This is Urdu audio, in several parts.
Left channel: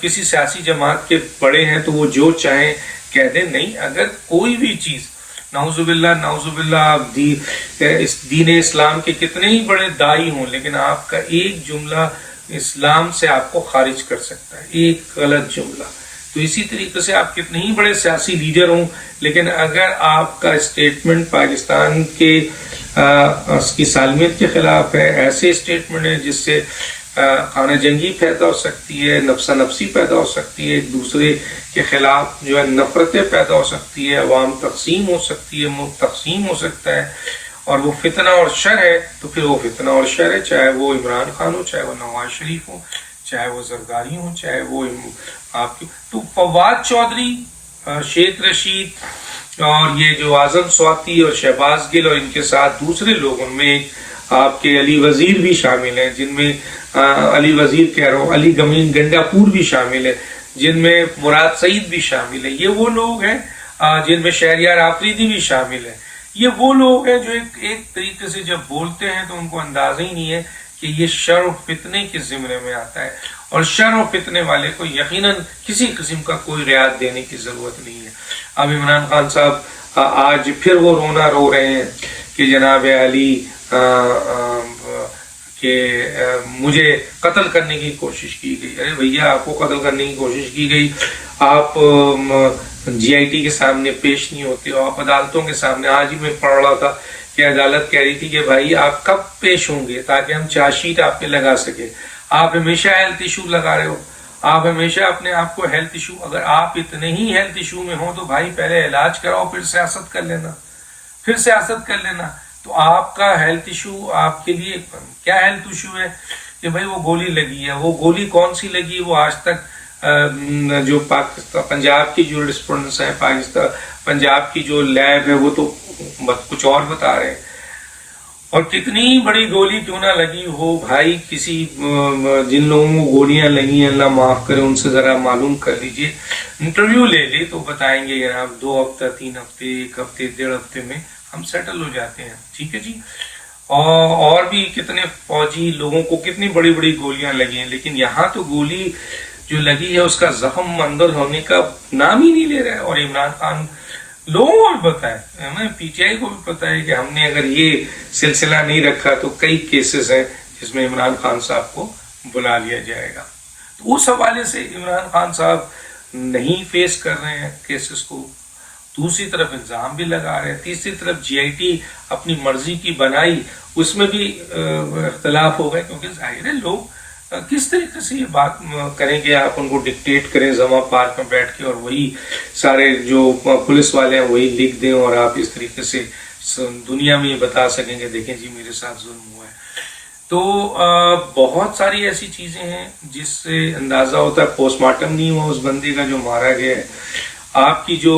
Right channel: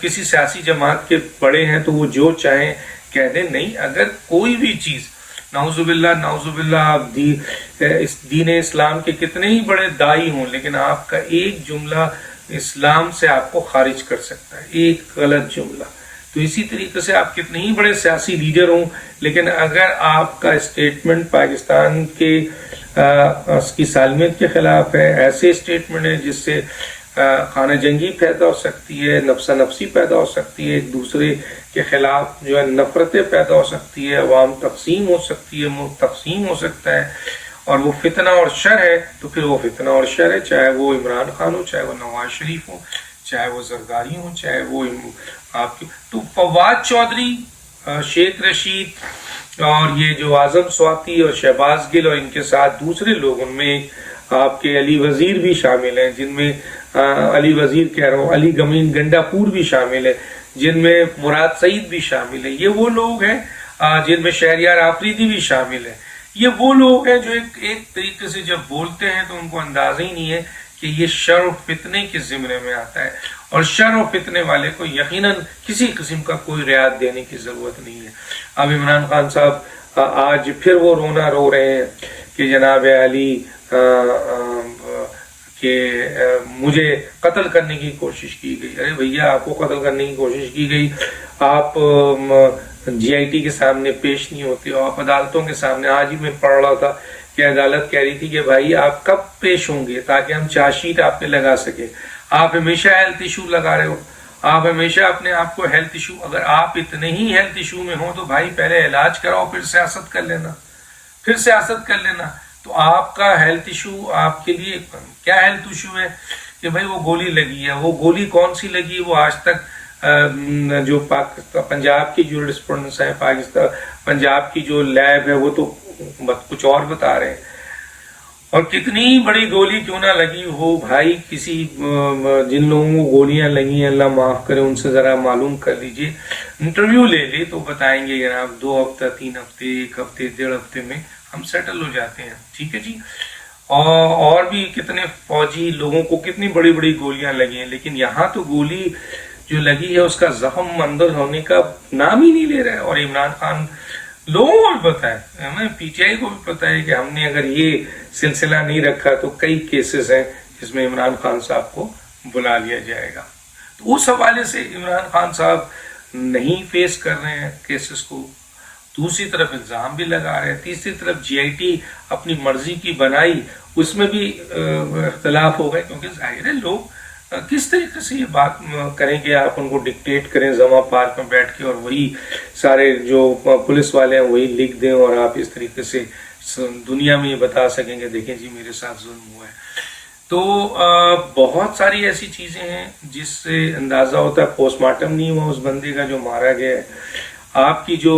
کسی سیاسی جماعت کے بڑے ہیں تو وہ جو چاہیں کہہ دیں. نہیں، اگر کوئی بھی چیز نعوذ باللہ آپ اس دین اسلام کے کتنے ہی بڑے دائی ہوں، لیکن آپ کا ایک جملہ اسلام سے آپ کو خارج کر سکتا ہے، ایک غلط جملہ. تو اسی طریقے سے آپ کتنے ہی بڑے سیاسی لیڈر ہوں، لیکن اگر آپ کا اسٹیٹمنٹ پاکستان کے اس کی سالمیت کے خلاف ہے، ایسے اسٹیٹمنٹ ہے جس سے خانہ جنگی پیدا ہو سکتی ہے، نفسا نفسی پیدا ہو سکتی ہے، ایک دوسرے کے خلاف جو ہے نفرتیں پیدا ہو سکتی ہے، عوام تقسیم ہو سکتی ہے، ملک تقسیم ہو سکتا ہے، اور وہ فتنہ اور شر ہے، تو پھر وہ فتنہ اور شر ہے، چاہے وہ عمران خان ہو، چاہے وہ نواز شریف ہو، چاہے وہ زرداری ہوں، چاہے وہ آپ کی. تو فواد چودھری، شیخ رشید اور یہ جو اعظم سواتی اور شہباز گل اور ان کے ساتھ دوسرے لوگ، ان میں آپ کے علی وزیر بھی شامل ہیں، جن میں علی وزیر کہہ رہا ہوں، علی گمین گنڈا پور بھی شامل ہے، جن میں مراد سعید بھی شامل ہے. یہ وہ لوگ ہیں جن میں شہریار آفریدی بھی شامل ہے. یہ وہ لوگ ہیں جو ایک طریقے سے جب بولتے ہیں تو ان کو اندازہ ہی نہیں ہے کہ یہ شر و فتنے کے زمرے میں آتا ہے، اور شر و فتنے والے کو یقیناً کسی قسم کا کوئی رعایت دینے کی ضرورت نہیں ہے. اب عمران خان صاحب آج پھر وہ رونا رو رہے ہیں کہ جناب علی کہ مجھے قتل کرنے کی کوشش کی گئی. ارے بھیا، آپ کو قتل کرنے کی کوشش کی گئی، آپ جی آئی ٹی کے سامنے پیش نہیں ہوتے ہو، آپ عدالتوں کے سامنے. آج ہی میں پڑھ رہا تھا کہ عدالت کہہ رہی تھی کہ بھائی آپ کب پیش ہوں گے تاکہ ہم چارج شیٹ آپ پہ لگا سکے. آپ ہمیشہ ہیلتھ ایشو لگا رہے ہو، آپ ہمیشہ اپنے آپ کو ہیلتھ ایشو، اگر آپ اتنے ہی ہیلتھ ایشو میں ہوں تو بھائی پہلے علاج کراؤ، پھر سیاست کر لینا، پھر سیاست کر لینا. تو آپ کا ہیلتھ ایشو آپ کے لیے کیا ہیلتھ ایشو ہے کہ بھائی وہ گولی لگی ہے. وہ گولی کون سی لگی ہے وہ آج تک جو پاکستان پنجاب کی جو رسپونڈنٹس ہیں، پاکستان پنجاب کی جو لیب ہے وہ تو کچھ اور بتا رہے ہیں. اور کتنی بڑی گولی کیوں نہ لگی ہو بھائی، کسی جن لوگوں کو گولیاں لگی ہیں اللہ معاف کرے ان سے ذرا معلوم کر لیجئے، انٹرویو لے لے تو بتائیں گے جناب 2 ہفتہ 3 ہفتے 1 ہفتے 1.5 ہفتے میں ہم سیٹل ہو جاتے ہیں. ٹھیک ہے جی. اور بھی کتنے فوجی لوگوں کو کتنی بڑی بڑی گولیاں لگی ہیں، لیکن یہاں تو گولی جو لگی ہے اس کا زخم مندل ہونے کا نام ہی نہیں لے رہا ہے. اور عمران خان لوگوں کو بھی پتا ہے، ہمیں پی ٹی آئی کو بھی پتا ہے کہ ہم نے اگر یہ سلسلہ نہیں رکھا تو کئی کیسز ہیں جس میں عمران خان صاحب کو بلا لیا جائے گا. تو اس حوالے سے عمران خان صاحب نہیں فیس کر رہے ہیں کیسز کو. دوسری طرف الزام بھی لگا رہے ہیں، تیسری طرف جی آئی ٹی اپنی مرضی کی بنائی، اس میں بھی اختلاف ہو گئے، کیونکہ ظاہر ہے لوگ کس طریقے سے یہ بات کریں گے، آپ ان کو ڈکٹیٹ کریں زما پارک میں بیٹھ کے اور وہی سارے جو پولیس والے ہیں وہی لکھ دیں اور آپ اس طریقے سے دنیا میں یہ بتا سکیں گے دیکھیں جی میرے ساتھ ظلم ہوا ہے. تو بہت ساری ایسی چیزیں ہیں جس سے اندازہ ہوتا ہے پوسٹ مارٹم نہیں ہوا اس بندے کا جو مارا گیا ہے. آپ کی جو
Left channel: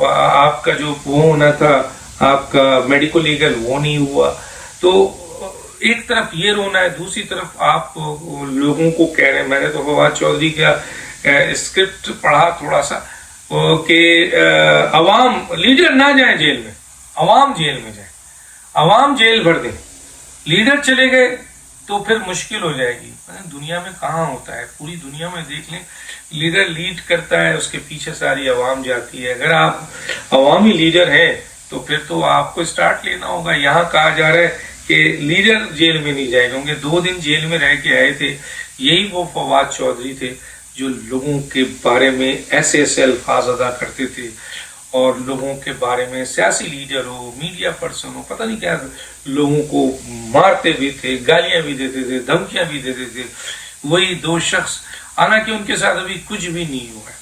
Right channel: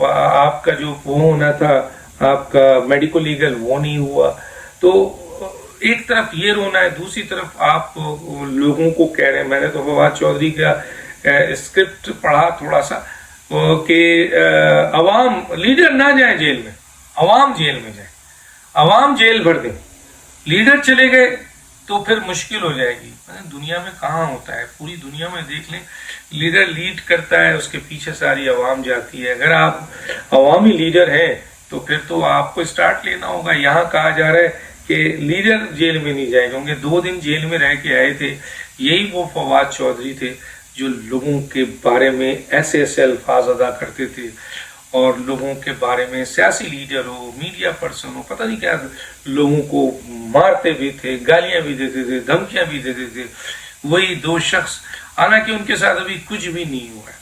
آپ کا جو وہ ہونا تھا آپ کا میڈیکل لیگل وہ نہیں ہوا. تو ایک طرف یہ رونا ہے، دوسری طرف آپ لوگوں کو کہہ رہے ہیں. میں نے تو فواد چودھری کا اسکرپٹ پڑھا تھوڑا سا کہ عوام لیڈر نہ جائیں جیل میں، عوام جیل میں جائیں، عوام جیل بھر دیں. لیڈر چلے گئے تو پھر مشکل ہو جائے گی. دنیا میں کہاں ہوتا ہے، پوری دنیا میں دیکھ لیں لیڈر لیڈ کرتا ہے اس کے پیچھے ساری عوام جاتی ہے. اگر آپ عوامی لیڈر ہیں تو پھر تو آپ کو اسٹارٹ لینا ہوگا. یہاں کہا جا رہا ہے کہ لیڈر جیل میں نہیں جائے گا. 2 دن جیل میں رہ کے آئے تھے. یہی وہ فواد چودھری تھے جو لوگوں کے بارے میں ایسے ایسے الفاظ ادا کرتے تھے اور لوگوں کے بارے میں سیاسی leader who, media person who, پتہ نہیں کیا لوگوں کو مارتے بھی تھے، گالیاں بھی دیتے تھے، دھمکیاں بھی دیتے تھے. وہی 2 شخص، حالانکہ ان کے ساتھ ابھی کچھ بھی نہیں ہوا ہے،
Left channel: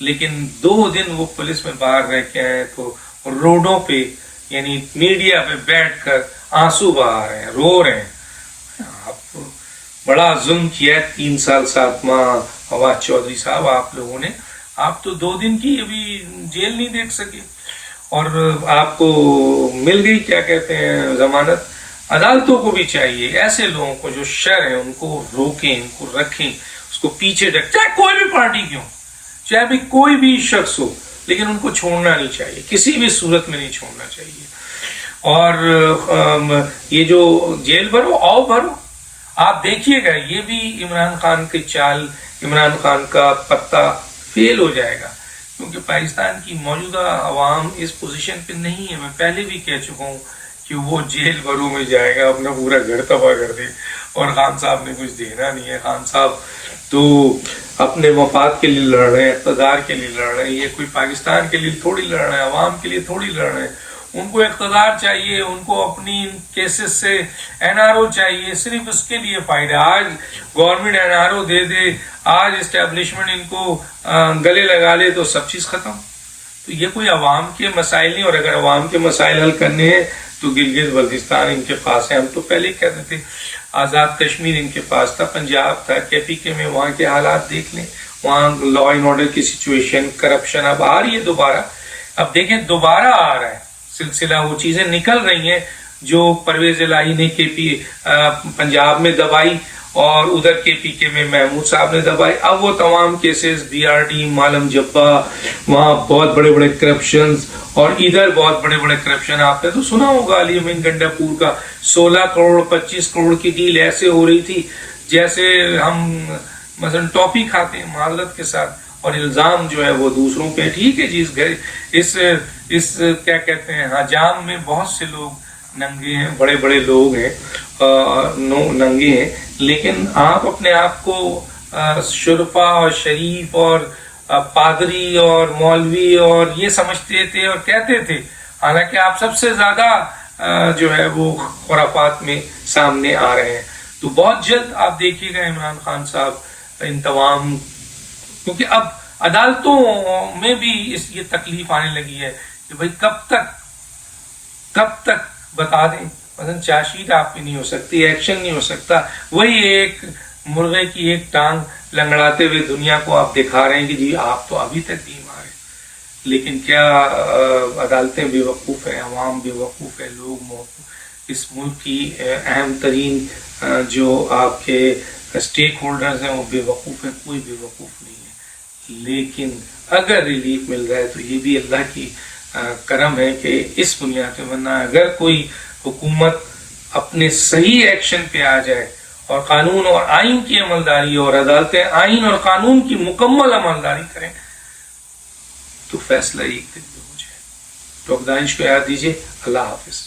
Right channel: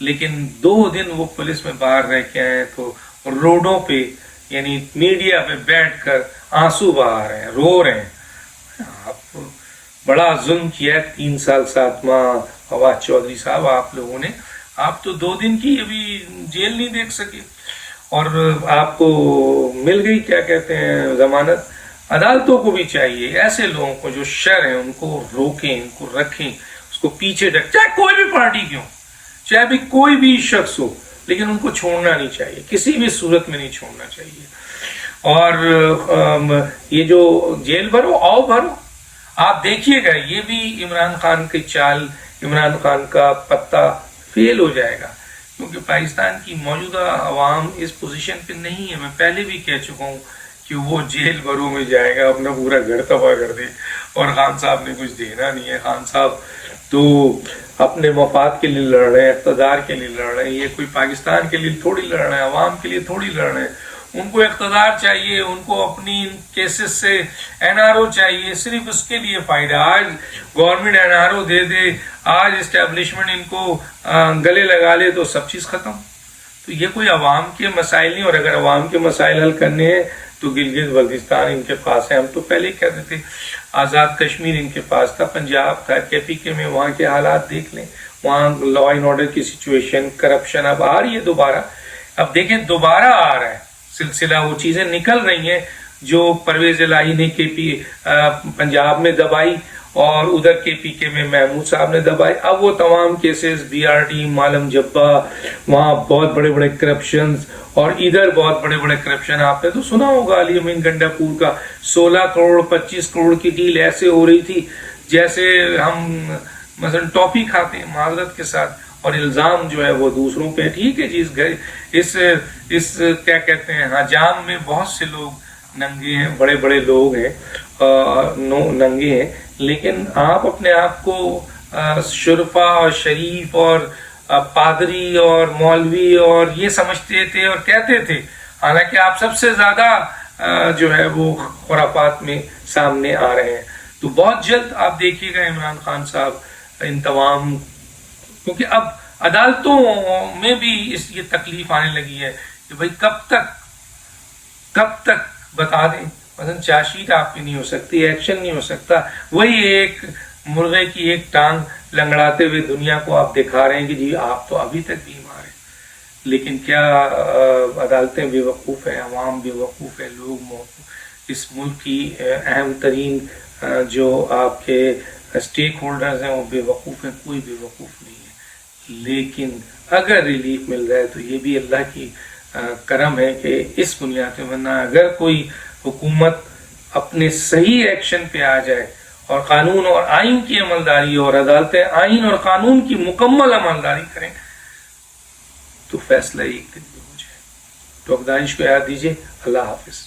لیکن 2 دن وہ پولیس میں باہر رہ کے آئے تو روڈوں پہ یعنی میڈیا پہ بیٹھ کر آنسو بہا رہے ہیں، رو رہے ہیں. آپ بڑا ظلم کیا ہے 3 سال 7 ماہ فواد چودھری صاحب آپ لوگوں نے. آپ تو 2 دن کی ابھی جیل نہیں دیکھ سکے اور آپ کو مل گئی کیا کہتے ہیں ضمانت. عدالتوں کو بھی چاہیے ایسے لوگوں کو جو شر ہیں ان کو روکیں، ان کو رکھیں، اس کو پیچھے رکھیں، چاہے کوئی بھی پارٹی کیوں، چاہے بھی کوئی بھی شخص ہو، لیکن ان کو چھوڑنا نہیں چاہیے، کسی بھی صورت میں نہیں چھوڑنا چاہیے. اور یہ جو جیل بھرو، آؤ بھرو، آپ دیکھیے گا یہ بھی عمران خان کی چال، عمران خان کا پتا فیل ہو جائے گا، کیونکہ پاکستان کی موجودہ عوام اس پوزیشن پہ نہیں ہے. میں پہلے بھی کہہ چکا ہوں کہ وہ جیل بھروں میں جائے گا، اپنا پورا گھر تباہ کر دے، اور خان صاحب نے کچھ دینا نہیں ہے. خان صاحب تو اپنے مفاد کے لیے لڑ رہے ہیں، اقتدار کے لیے لڑ رہے ہیں. یہ کوئی پاکستان کے لیے تھوڑی لڑ رہے ہیں، عوام کے لیے تھوڑی لڑ رہے ہیں. ان کو اقتدار چاہیے، ان کو اپنی کیسز سے NRO چاہیے، صرف اس کے لیے فائدہ. آج گورنمنٹ NRO دے دے، آج اسٹیبلشمنٹ ان کو گلے لگا لے تو سب چیز ختم. تو یہ کوئی عوام کے مسائل نہیں، اور اگر عوام کے مسائل حل کرنے ہیں تو گلگت بلتستان ان کے پاس ہے. ہم تو پہلے ہی کہتے تھے آزاد کشمیر ان کے پاس تھا، پنجاب تھا، KPK میں وہاں کے حالات دیکھ لیں، وہاں لا اینڈ آرڈر کی سچویشن، کرپشن اب آ رہی ہے دوبارہ. اب دیکھیں دوبارہ آ رہا ہے سلسلہ، وہ چیزیں نکل رہی ہیں جو پرویز الہی نے پنجاب میں دبائی اور ادھر KPK میں محمود صاحب نے دبائی. اب وہ تمام کیسز BRD، مالم جبہ، وہاں بہت بڑے بڑے کرپشنز، اور ادھر بہت بڑے بڑے کرپشن. آپ نے تو سنا ہوگا علی امین گنڈا پور کا 16 کروڑ 25 کروڑ کی ڈیل ایسے ہو رہی تھی جیسے ہم مثلا ٹاپی کھاتے ہیں، معذرت کے ساتھ، اور الزام جو ہے وہ دوسروں پہ. ٹھیک ہے جی، اس کیا کہتے ہیں حجام میں بہت سے لوگ ننگے ہیں، بڑے بڑے لوگ ہیں ننگے ہیں، لیکن آپ اپنے آپ کو شرفا اور شریف اور پادری اور مولوی اور یہ سمجھتے تھے اور کہتے تھے، حالانکہ آپ سب سے زیادہ جو ہے وہ خرافات میں سامنے آ رہے ہیں. تو بہت جلد آپ دیکھیے گا عمران خان صاحب ان تمام، کیونکہ اب عدالتوں میں بھی یہ تکلیف آنے لگی ہے کہ بھئی کب تک بتا دیں. مثلا چارج شیٹ آپ کی نہیں ہو سکتی، ایکشن نہیں ہو سکتا، وہی ایک مرغے کی ایک ٹانگ لنگڑاتے ہوئے دنیا کو آپ دکھا رہے ہیں کہ جی آپ تو ابھی تک نہیں مارے. لیکن کیا عدالتیں بے وقوف ہیں، عوام بے وقوف ہے، لوگ اس ملک کی اہم ترین جو آپ کے اسٹیک ہولڈرز ہیں وہ بے وقوف ہیں؟ کوئی بے وقوف نہیں ہے. لیکن اگر ریلیف مل رہا ہے تو یہ بھی اللہ کی کرم ہے کہ اس بنیاد پہ، ورنہ اگر کوئی حکومت اپنے صحیح ایکشن پہ آ جائے اور قانون اور آئین کی عملداری اور عدالتیں آئین اور قانون کی مکمل عملداری کریں تو فیصلہ ایک دن میں ہو جائے. تو اب دانش کو یاد دیجیے. اللہ حافظ.